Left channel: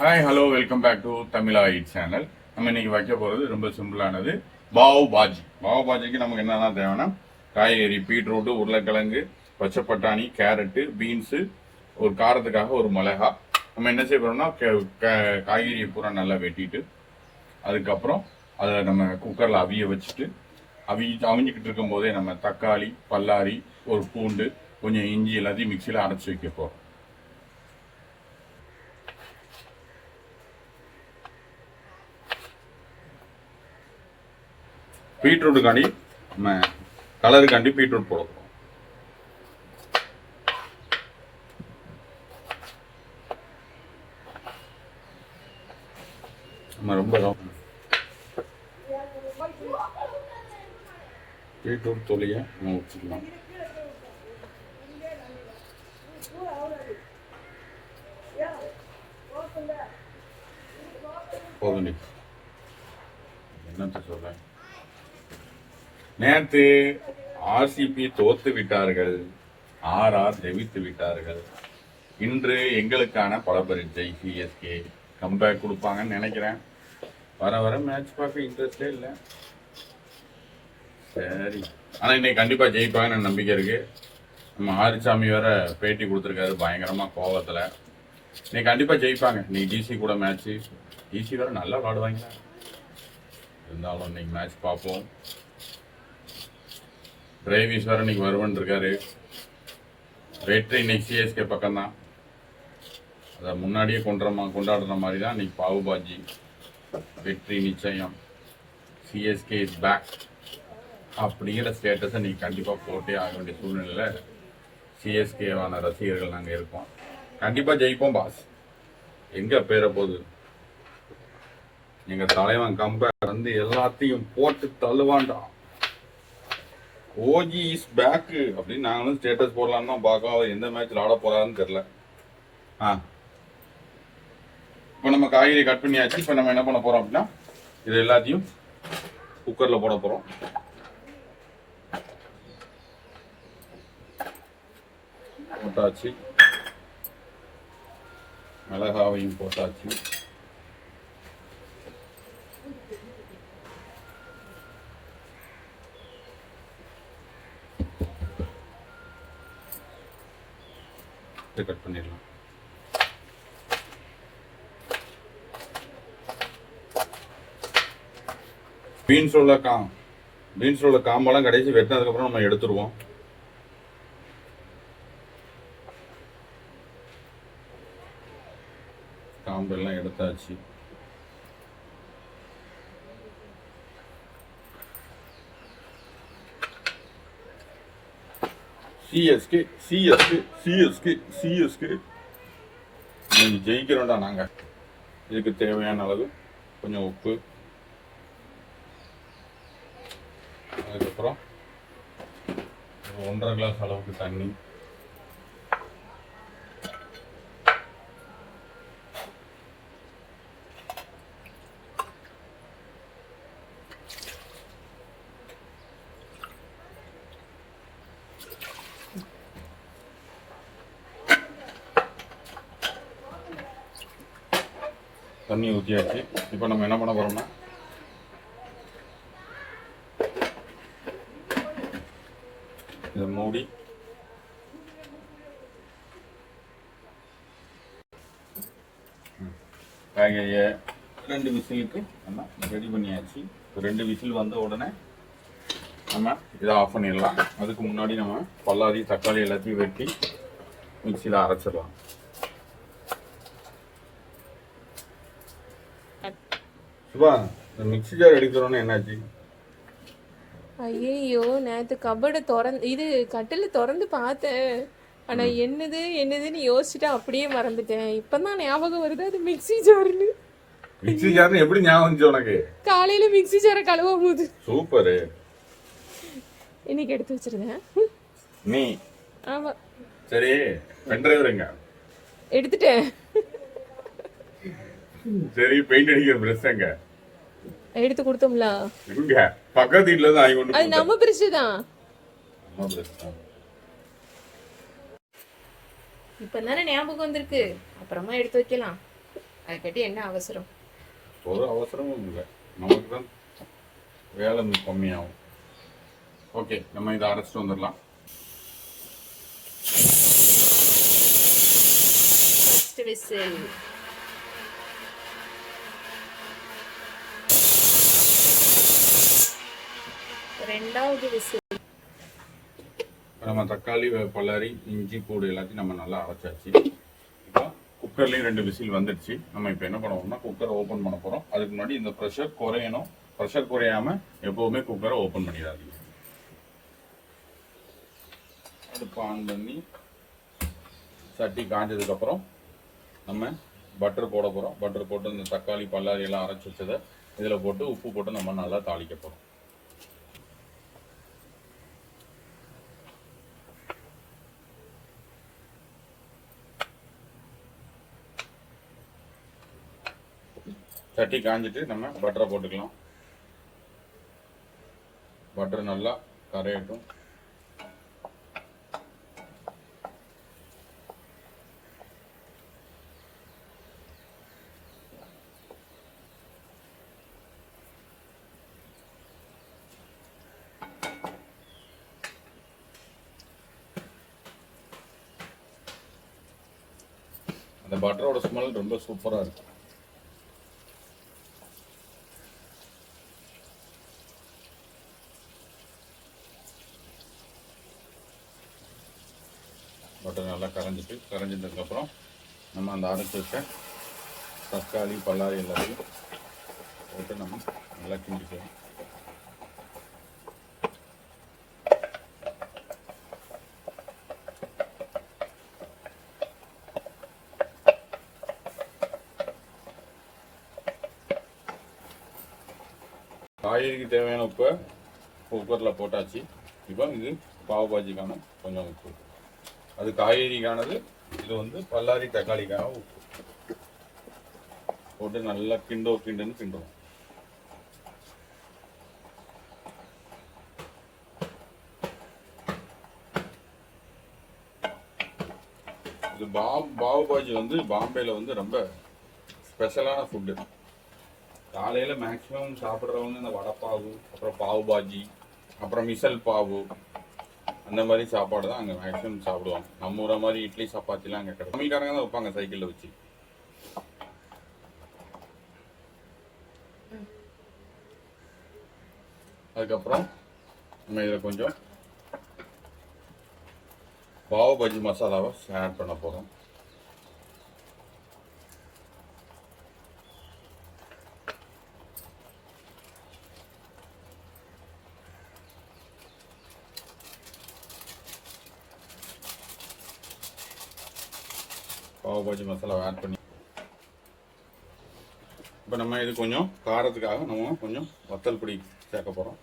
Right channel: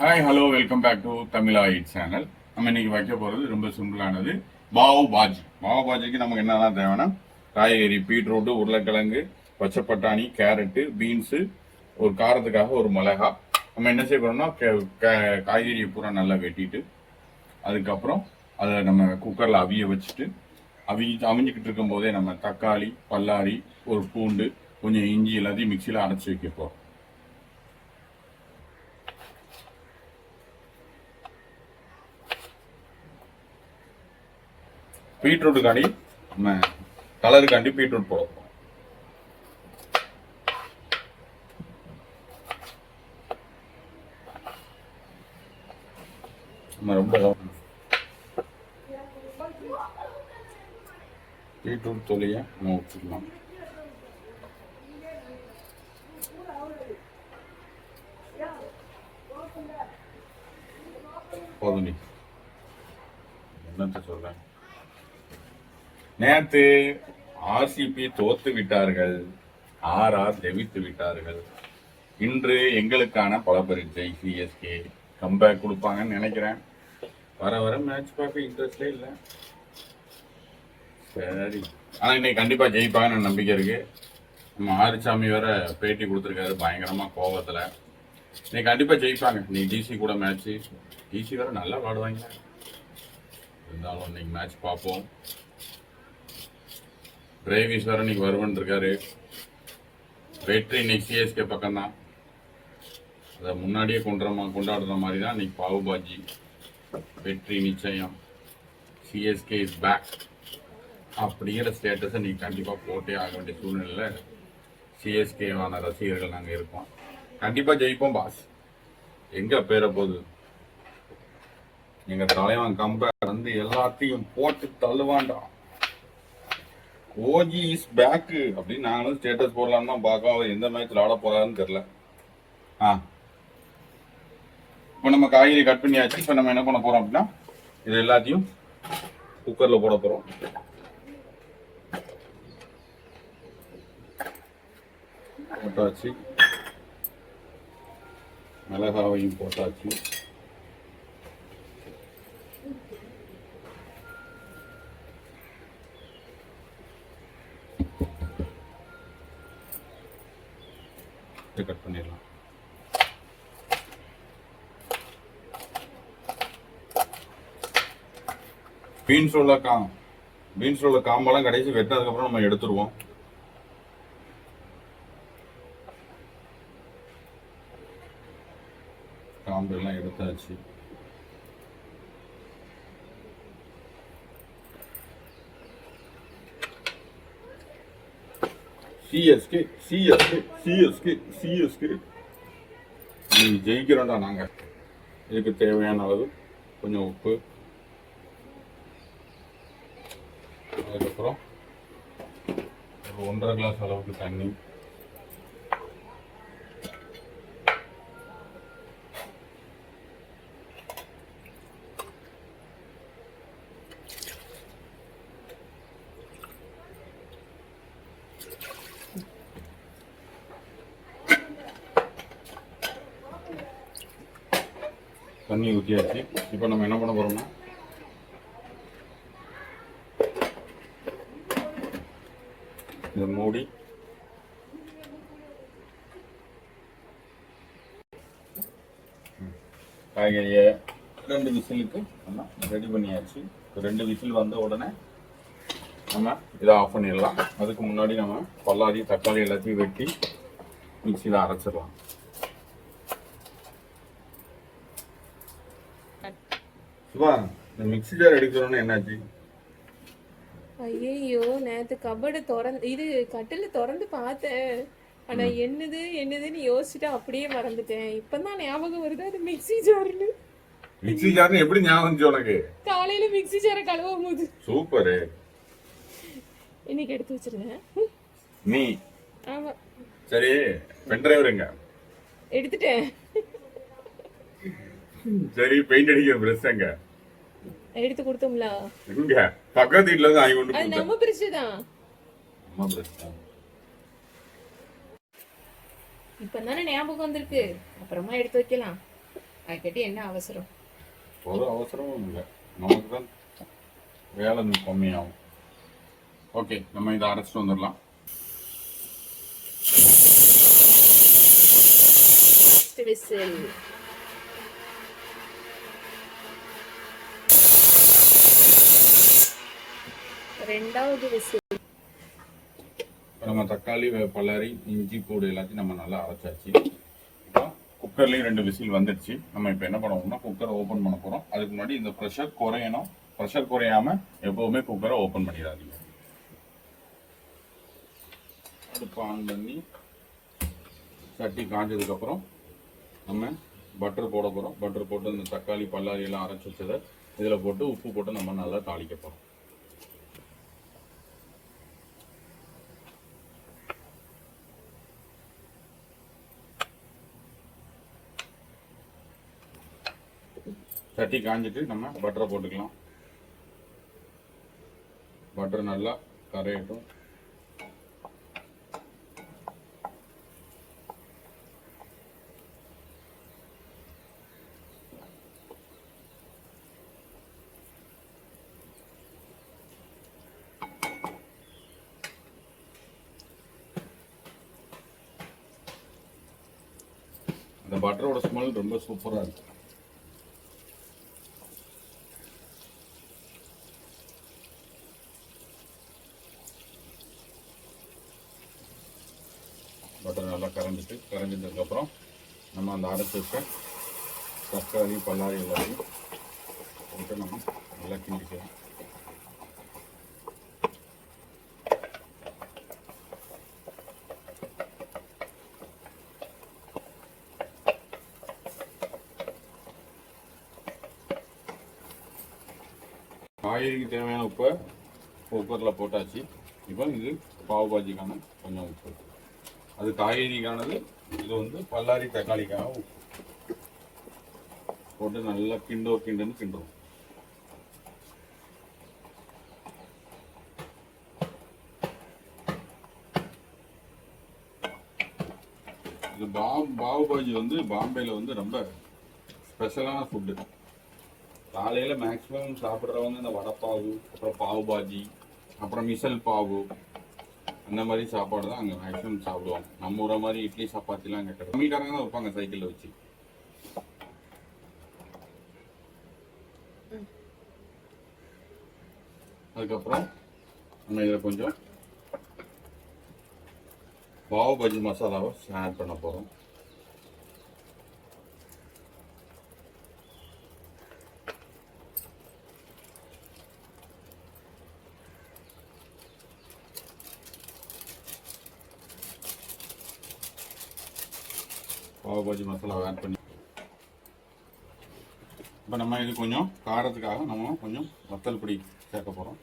Hi hello welcome back to Tamizha it channel. நம்ம இன்னைக்கு வைக்க போகிறது ரொம்ப சிம்பிளானது, பாவ் பாஜி. பாவ் பாஜிக்கு நமக்கு என்னென்ன தேவைன்னா காய்கறி, பீட்ரூட்டு, உருளைக்கிழங்கு, பச்சை பட்டாணி, கேரட்டு, பீன்ஸு, ஒரு காரத்துக்காக ஒரு மிளகா. நம்ம என்ன செய்ய போறோம்னா காய்கறியை பூரா நல்லா வெட்டிட்டு அதுக்கப்புறம் அதை நம்ம குக்கரில் அவிய வச்சுட்டு அவிஞ்சிக்கிட்டு இருக்கும் போதே நம்ம தக்காளி, பல்லாரி, ஒரு பூண்டு, கொஞ்சம் இஞ்சி எல்லாத்தையும் மிக்சியில் அரைச்சி வைக்க போகிறோம். பீட்ரூட்டுக்காண்டி நம்ம கலருக்காண்டி பீட்ரூட் போட போகிறோம். நம்ம ரொம்ப பீட்ரூட் தொலியை நம்ம வச்சுக்கலாம். போதும், என்னத்த சொல்ல, நேற்று ஆர்சிபி தோத்து விட்டார்கள், ஆர்ஆர் ஜெயித்து விட்டார்கள். இன்று எங்களுக்கான பல பரீட்சை. சிஎஸ்கே கம்பேக் கொடுப்பாங்கன்னு நினைக்கிறேன். வர வர மேட்ச் பார்க்க இன்ட்ரெஸ்டே இல்லை. சரி, ஆனால் இன்னைக்கு கண்டிப்பாக ஜெயிப்பாங்கன்னு நம்பிக்கை இருக்கு. நம்ம ஆரிசாமி வேற பேட்டி கொடுத்துருக்காரு பயங்கரமாக கோபத்தில். இன்னைக்கு கண்டிப்பாக ஜெயிப்பாங்க. இன்னைக்கு டிசி கூட மேட்ச்சு. டிசி வேற நல்லா விளாடுவாங்க. இருந்தாலும் இன்னைக்கு மேட்ச் பார்ப்போம். டிரைவிஸ் வேற இன்னைக்கு வருவன் இருக்காரு. வெற்றி இன்னைக்கு சிஎஸ்கே பக்கம்தான். அதை முன்னாடியே கொண்டாடுற மாதிரி தான் இன்னைக்கு பாவுபாஜி. வெற்றி நிச்சயம். சிஎஸ்கே இஸ் பேக் அப்படிங்கிற ஸ்டேட்டஸை இன்னைக்கு கண்டிப்பாக போட்டே ஆக வேண்டிய சூழ்நிலையில் சிஎஸ்கேவான ரசிகர்கள் நாங்கள் இருக்கோம். கண்டிப்பாக ஜெயிப்போம் பாஸ். எங்கே பேர போகுது? எங்கள் தலைவன் கம்பேக் வந்து எல்லாத்தையும் போட்டு தள்ளுவான்டா. ஓஜி இஸ் பேக் அப்படின்னு நாங்களும் ஸ்டேட்டஸ் போடலான்னு தான் பார்க்கோம். அவர் எந்த மேட்ச்ல ஆட போறாருன்னு தெரியல. இப்போ நம்ம காய்கறி கட் பண்ணியாச்சு. இப்போ நம்ம என்ன பண்ண போறோம் அப்படின்னா இது எல்லாத்தையும் குக்கர்ல போட போறோம். போட்டாச்சு, மிளகாவையும் போட்டாச்சு. கட் பண்ணிடலாம். பீன்ஸோட காம்பெல்லாம் கடைசி வெட்டினதுக்கு அப்புறம் நம்ம எடுத்துருவோம். காம்பெல்லாம் எடுத்தாச்சு. சிஎஸ்கே சிஎஸ்கே சிஎஸ்கே சிஎஸ்கே நீங்க ஜெயிக்கிறோம்டா. நாங்க இதுக்கு தேவையான அளவு கொஞ்சம் உப்பு, அதுக்கப்புறம் ஒரு 1.5 கிளாஸ் அளவுக்கு தண்ணி, தண்ணி ஊற்றியாச்சு. இப்போ நம்ம என்ன பண்ண போறோம்னா இதை மூடி காய்கறியை 2 விசிலுக்கு நம்ம ரெடி பண்ணியாச்சு. 2 விசில் வந்த உடனே நம்ம இதை ஆஃப் பண்ணிடலாம். அதுக்கு முன்னாடி நம்ம பல்லாரி, தக்காளி எல்லாத்தையும் வெட்டி மிக்சியில் அரைச்சிடலாம். சுபா, இந்த மிக்ஸி ஜார் எடுக்கிறோன்னு என்னாச்சு? ஐயோ, நேற்று கபடை இது கட்டில் திறந்து பார்த்தேன். ஆனா என்னதுன்னு யோசிச்சுட்டு அப்படியே மறந்துட்டேன். இப்பதான் ஞாபகம் வருது அது மிக்ஸி ஜார்னு. மிக்ஸி ஜார்னு எப்படி ஞாபகம் வந்துச்சு உனக்கு? காலையில மிக்ஸி ஜாரை கழுவும் போது. சூப்பரு. இன்னைக்கு எடுத்து வச்சிருந்தேன் நீ. ஆமா. சரி, பென்ட்ரைவர் எங்க? எடுத்துட்டேன். சரி, பெயிண்ட் அடிக்கிற பிரஷ் எங்க? எடுத்து கொடுத்தோம்ல. இங்க பக்கத்து வீட்ல இருந்து ஆகி கொண்டு. அது நம்ம பிரஷ் தான். நம்ம பிரஷ் தான். இப்பதானே ஞாபகம் வந்திருக்கு, அப்புறமா எடுத்து வைக்கலாம். அதை கட்டி என்ன அவசரம்? ஒரு அவசரமும் இல்லை, நமக்கு தான் வேலை கம்மியாகும். ஓகே, நம்ம இதை அரைச்சிட்டு வந்துடலாம். First whistle. ரெண்டாவது விசில். நம்ம தக்காளி, பல்லாரி, இஞ்சி, பூடு எல்லாத்தையும் நம்ம நல்லா அரைச்சாச்சு. இப்போ குக்கர்லேயும் 2 விசில் வந்துடுச்சு. நம்ம இப்போ என்ன பண்ணுவோம்னா குக்கரை ஓப்பன் பண்ண போகிறோம். அதுக்கு முன்னாடி இந்த ப்ரெஷர் குறையணும். ப்ரெஷர் குறையாம எப்போவுமே குக்கரை ஓப்பன் பண்ணிடாதீங்க. அடுப்பு ஆன் பண்ணி சட்டி காஞ்சதுக்கப்புறம் நம்ம பட்டர் போட போகிறோம். பட்டர் போட்டு இந்த தக்காளி, பல்லாரி எல்லாம் அரைச்சி வச்சதை இதில் போட்டு உப்பு போட்டு நம்ம நல்லா தாளிக்க போகிறோம். சட்டி காஞ்சிட்டு நம்ம பட்டரை போட்டுக்கலாம். பட்டர் நல்லா கரையட்டும். அந்த பட்டரோட ஸ்மெல் ரொம்ப சூப்பராக இருக்கும். பட்டர் நல்லா கரைஞ்சதுக்கப்புறம் நம்ம அந்த அரைச்சி வச்ச தக்காளி, பல்லாரி எல்லாத்தையும் போட்டு நம்ம நல்லா கிண்டிக்கலாம். காய்கறிக்கு தேவையான உப்பை குக்கரில் போட்டாச்சு. இப்போ இது பாவ் பாஜிக்கான கொஞ்சம் உப்பு, அது காய்கறிக்கானது, இது வந்து பல்லாரி தக்காளிக்கான உப்பு போட்டு நல்லா கிண்டுன்னு கிண்டுவோம். இது பாவ் பாஜி வந்து பாம்பேல வந்து ரொம்ப ஸ்பெஷலான ஃபுட்டு. காலையில் மேக்ஸிமம் சாப்பிட்றவங்க இந்த வடைப்பாவு, அப்புறம் பாவு பாஜி, அப்புறம் மிசல் பாவு, அந்த மாதிரி சாப்பாடு தான் அங்கே மேக்ஸிமம் சாப்பிடுவாங்க. நம்ம ஊரை மாதிரி இட்லி சப்பாத்திலாம் அங்கே கிடையாது. தமிழ்காரங்க தான் வைப்பாங்க சைக்கிளில் வச்சு. அதுக்கப்புறம் நம்ம இதில் கொஞ்சம் பாவு பாஜி மசாலாவை ஆட் பண்ண போகிறோம். பாவ் பாஜி மசாலா ஆட் பண்ணி இப்போ நம்ம இது கொஞ்சம் காரத்துக்காக நம்ம கொஞ்சம் வத்தல் பொடி சேர்க்க போகிறோம்.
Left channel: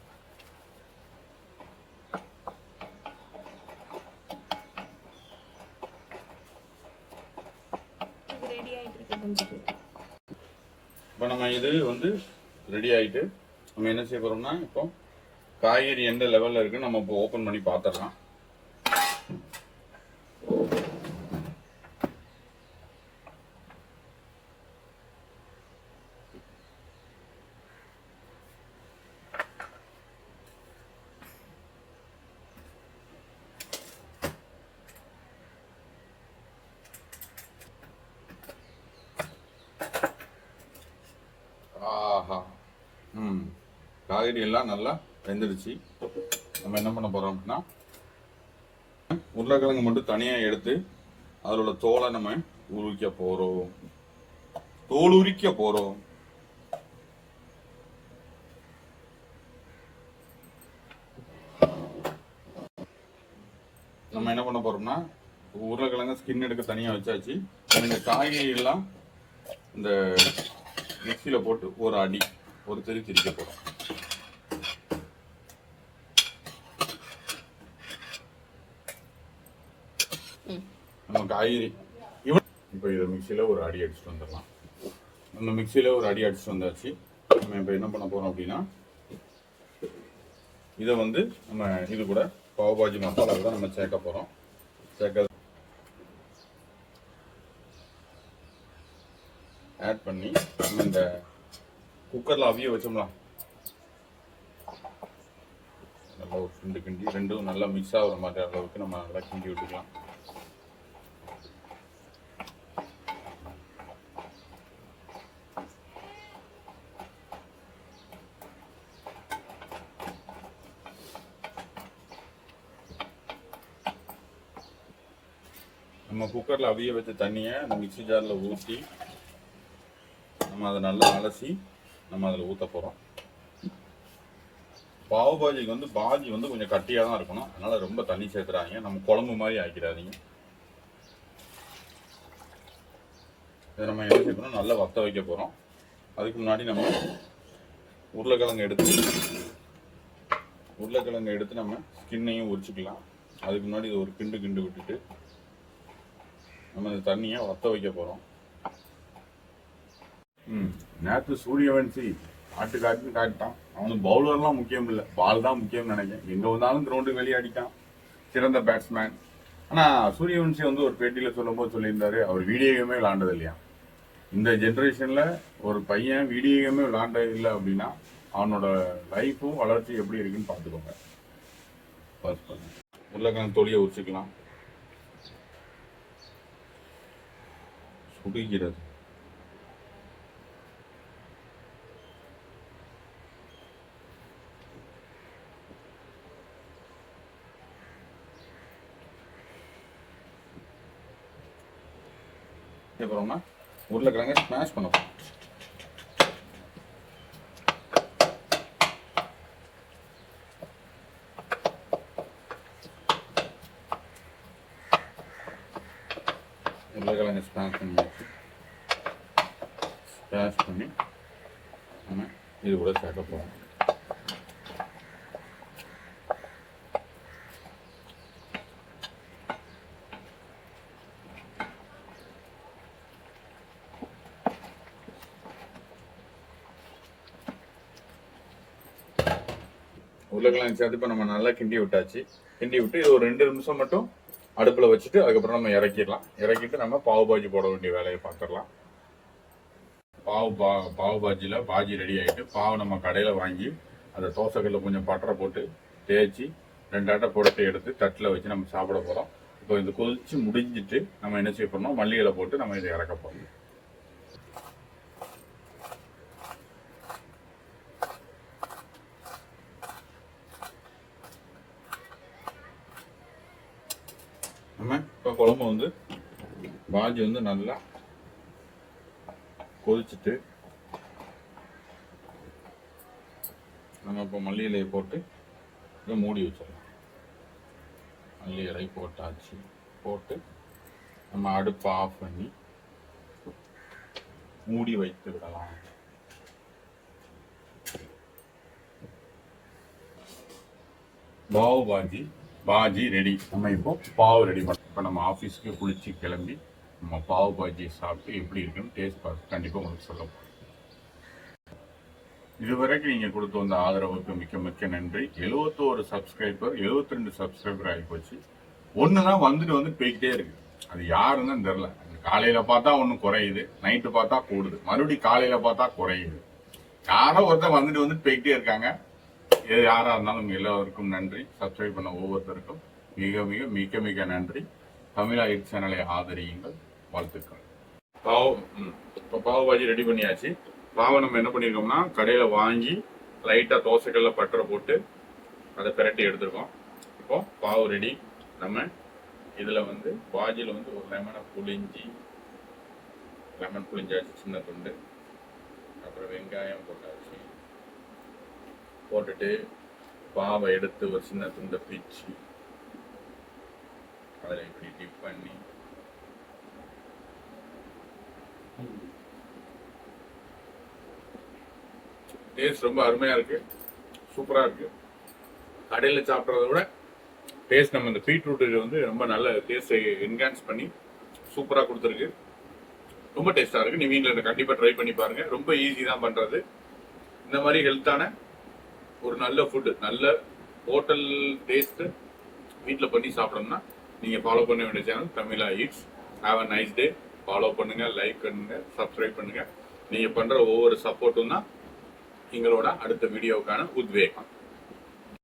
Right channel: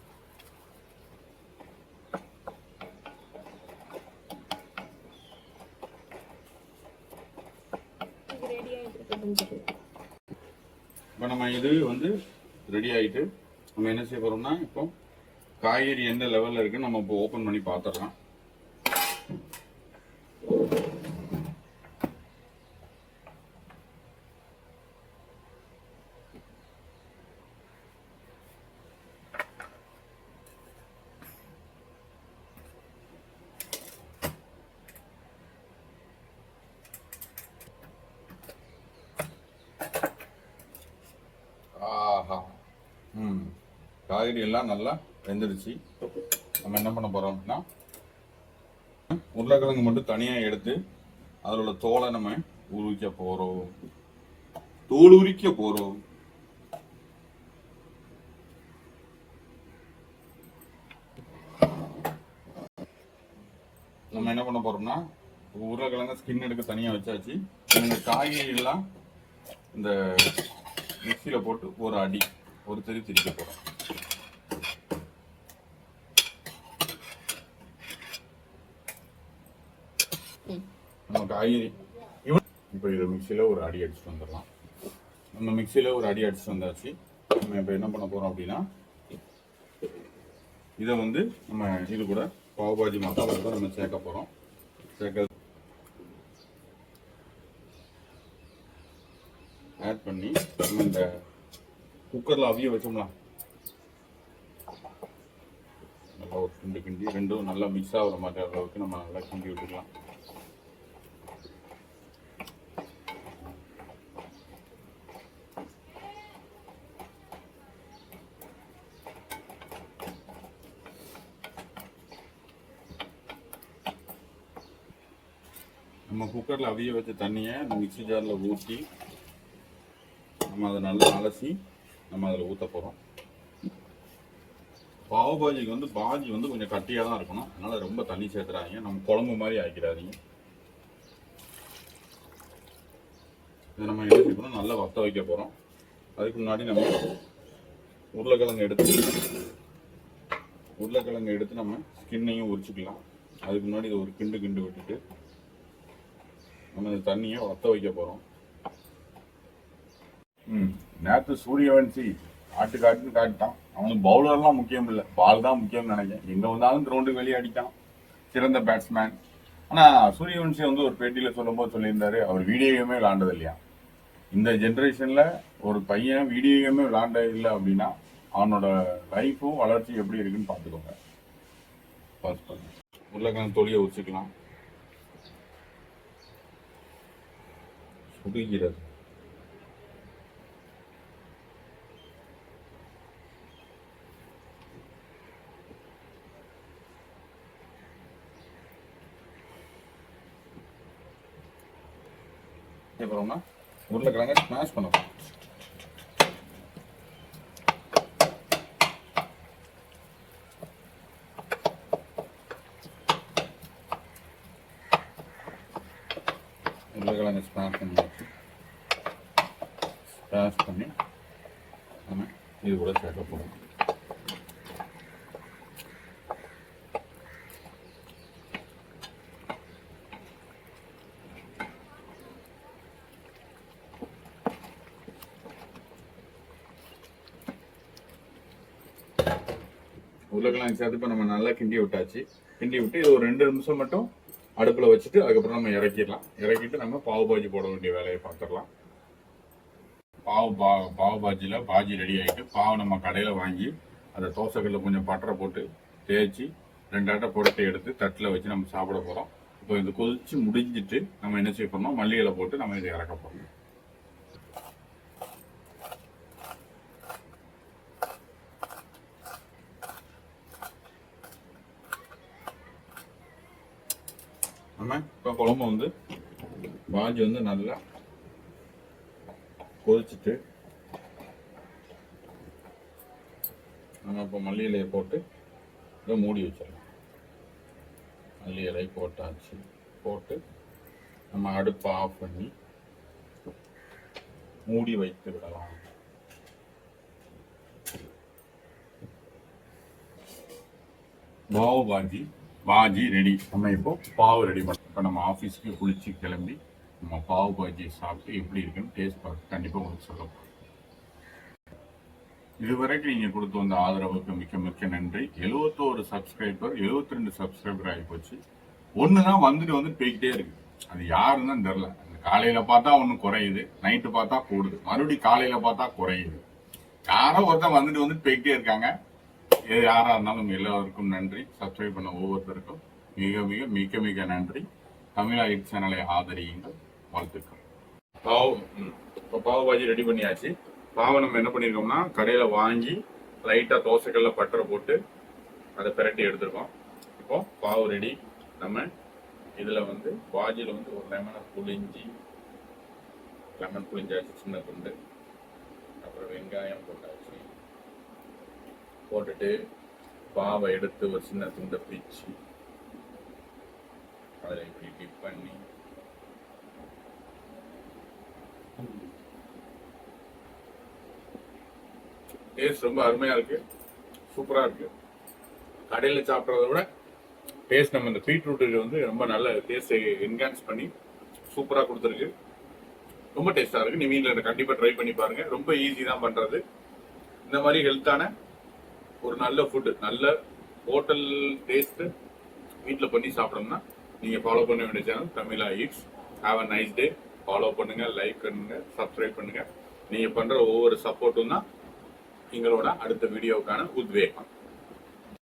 இப்போ நம்ம இது வந்து ரெடி ஆகிட்டு நம்ம என்ன செய்ய போகிறோம்னா இப்போ காய்கறி எந்த லெவலில் இருக்குன்னு நம்ம இப்போ ஓப்பன் பண்ணி பார்த்துடலாம். ஆஹா, காய்கறி எல்லாம் நல்லா வெந்துடுச்சு. நம்ம என்ன பண்ண போறோம் அப்படின்னா உருளைக்கிழங்கு மட்டும் தனியாக எடுத்து அதில் உள்ள தோலை நம்ம உரிக்க போறோம். தோல் உரிக்க போறோம். நம்ம என்ன பண்ண போறோம்னா உருளைக்கிழங்கு ஸ்கின் எடுக்க தனியாக வச்சாச்சு. இந்த காய்கறி எல்லாம் இந்த மிக்சியில போட்டு ஒரு தெரி திரிக்க போறோம். நம்ம காய்கறி இப்போ இதை மிக்சியில ஒரு அடி அடிச்சுட்டு வந்துடலாம். நம்ம மிக்சியில ஒரு அடி அடிச்சுட்டு வந்தாச்சு. நம்ம இப்போ என்ன பண்ண போறோம் அப்படின்னா இதை வந்து நம்ம இது கூட பாவ் பாஜி மசாலா தான் நம்ம சேர்க்க போறோம். ஆட் பண்ணி நம்ம இந்த குக்கரில் அவிய வச்சோம்லாம் நல்லா ஒரு கிண்டு கிண்டி ரெண்டும் நல்லா மிக்ஸ் ஆகிற மாதிரி அளவுக்கு நம்ம நல்லா கிண்டி விட்டுக்கலாம். நம்ம குக்கரில் அவிய வச்ச தண்ணியை அந்த மிக்ஸி ஜாரில் ஊற்றி நம்ம அதை நல்லா அலசி நம்ம அதில் ஊற்ற போகிறோம். பாவ் பாஜிக்கு வந்து பாஜி வந்து கொஞ்சம் கட்டியாக தான் இருக்கணும், அதனால் ரொம்ப தண்ணி சேர்த்துறாதீங்க, நம்ம குழம்பு மாதிரி ஆக்கிடாதீங்க. இதை நம்ம என்ன செய்யணும், நல்லா வத்த வைக்க போகிறோம். அதுக்கு முன்னாடி நம்ம உருளைக்கிழங்கு எடுத்து நம்ம ஸ்கின்னையும் உரிச்சிக்கலாம். அதுக்கு முன்னாடி இதை ஒரு கிண்டு விட்டுட்டு நம்ம இந்த தண்ணியை வத்த வைக்க போகிறோம். நேற்று சூரியவன்சி காட்டுன்னு காட்டிட்டான். அவனுக்கு பவுலர்லாம் முக்கியம் இல்லை, பால் தான் முக்கியம்னு நினைக்கிறேன். எங்கே வந்தாலும் கிரவுண்டுக்கு வெளியே அடித்தான், சிறந்த பேட்ஸ்மேன். ஆனால் சூரியவன்சி வந்து ஒரு பேட்டியில் சொல்லும்போது சொல்லியிருந்தாரு, அவர் வீடியோ கேமே விளாண்டது இல்லையா. இந்த ஜென்ரேஷனில் ஒரு பையன் வீடியோ கேமே விளாண்ட இல்லை அப்படின்னா அவனோட லைஃப்பும் வளர்ச்சி எப்படி இருக்குன்னு பார்த்துக்கோங்க. உருளைக்கிழங்கு தொலியை வச்சுக்கலாம். சுடுகிறது. அப்புறம்னா உருளைக்கிழங்க ஸ்மாஷ் பண்ண போறோம். உருளைக்கிழங்க ஸ்மாஷ் பண்ணி நம்ம இது கூட சேர்க்க போகிறோம். உருளைக்கிழங்கு சேர்த்து இப்போ நம்ம நல்லா கிண்டி விட்டாச்சு. கிண்டி விட்டு இது ஒரு 2 நிமிஷம் மட்டும் அடுப்பில் வச்சுட்டு அதுக்கப்புறம் நம்ம இறக்கிட்டு நம்ம பாவ் பாஜி போட வேண்டிய வேலையை பார்த்துடலாம். பாவ் பாஜியில் பாஜி ரெடி ஆகிட்டு, பாவு நம்ம கடையில் வாங்கி அதை தோசைக்கல்ல கொஞ்சம் பட்டரை போட்டு தேய்ச்சி 2 ஆட்டை போட்டு எடுத்து தட்டில் வச்சு நம்ம சாப்பிட போகிறோம். இப்போ இது கொதிச்சு முடிஞ்சிட்டு நம்ம என்ன செய்ய போறோம், மல்லி இலை போட்டு நம்ம இதை இறக்க போகிறோம். நம்ம இப்போ குழம்பு வந்து பாஜி வந்து நல்லா கொதிச்சுட்டு நம்ம இப்போ மல்லி இலையை போட்டு இதை மூடி வச்சிடலாம். மல்லி இலை போட்டாச்சு. போட்டு நம்ம அடுப்பை ஆஃப் பண்ணி மூடி வைத்து விடலாம். பாஜி ரெடி. நம்ம இப்போ பாவு ரெடி பண்ணோம். இப்போ நம்ம ஆஃபீஸ்க்கு குளிச்சு கிளம்பி நம்ம பாவு பாஜியை சாப்பிட்டு எப்படி இருக்குன்னு டேஸ்ட் பார்த்து கண்டிப்பாக உங்களுக்கு சொல்ல போகிறோம். இதுவரைக்கும் நீங்கள் கொடுத்து வந்த ஆதரவுக்கு மிக்க மிக்க நன்றி. 71 சப்ஸ்கிரைபர் 72 சப்ஸ்கிரைபர் ஆகி போச்சு. ஒன்று தான் வந்துட்டு போய்கிட்டே இருக்கு. அது யாருன்னு தான் தெரில. காலையில் பார்த்தா ஒன்று குறையுது, நைட்டு பார்த்தா கூடுது, மறுபடியும் காலையில் பார்த்தா குறையுது. யாரோ ஒருத்தர் வந்துட்டு போய்கிட்டே இருக்காங்க. இது யாராக இருந்தாலும் எல்லாருக்கும் நன்றி. சப்ஸ்கிரைப் பண்ண ஒவ்வொருத்தருக்கும் மிக மிக மிக மிக நன்றி. தமிழா ஹிட் சேனலை ஆதரியுங்கள். வாழ்த்துக்கள். இப்போ பாவு பாஜி ரெடி பண்ணியாச்சு. பாவை நம்ம என்ன பண்ணியிருக்கோம்னா கடையில் வாங்கி லைட்டாக தோசைக்கல்ல பட்டரை போட்டு அதை பிரட்டி எடுத்துருக்கோம். இப்போ பாவு ரெடி. நம்ம இதில் பாஜியில் ஒரு லெமன் புளிஞ்சாச்சு, சின்ன துண்டு. அப்புறம் வெங்காயம் போட்டாச்சு. போட்டுட்டு பாவை எடுத்து ஒரு சின்ன துண்டை பிச்சு அதில் இப்படி டிப் பண்ணி டேஸ்ட் ரொம்ப அருமையா இருக்கு, சூப்பரா இருக்கு. கடையில் சாப்பிட்றத விட டேஸ்ட் நம்ம இந்த பீட்ரூட் ரொம்ப நல்ல டேஸ்ட் என்ஹான்ஸ் பண்ணி சூப்பரா கொடுத்துருக்கு. ரொம்ப டேஸ்டா இருக்கு. நீ வீட்டில் கண்டிப்பா ட்ரை பண்ணி பாருங்க. ரொம்ப ஈஸி தான் பண்றது. இந்த மாதிரி ஹெல்த்தான ஒரு நல்ல ஃபுட்டு, நல்ல ஹோட்டல் டேஸ்ட் வீட்டில் பண்ணி சாப்பிடணும்னா நீங்கள் ஃபாலோ பண்ண வேண்டிய channel Tamizha eats. Have a nice day. Follow பண்ணுங்க, லைக் பண்ணுங்க, சப்ஸ்கிரைப் பண்ணுங்க. நீங்க பண்ற ஒவ்வொரு சப்போர்ட்டும் தான் எங்களோட அடுத்த வீடியோவுக்கான உத்வேகம்.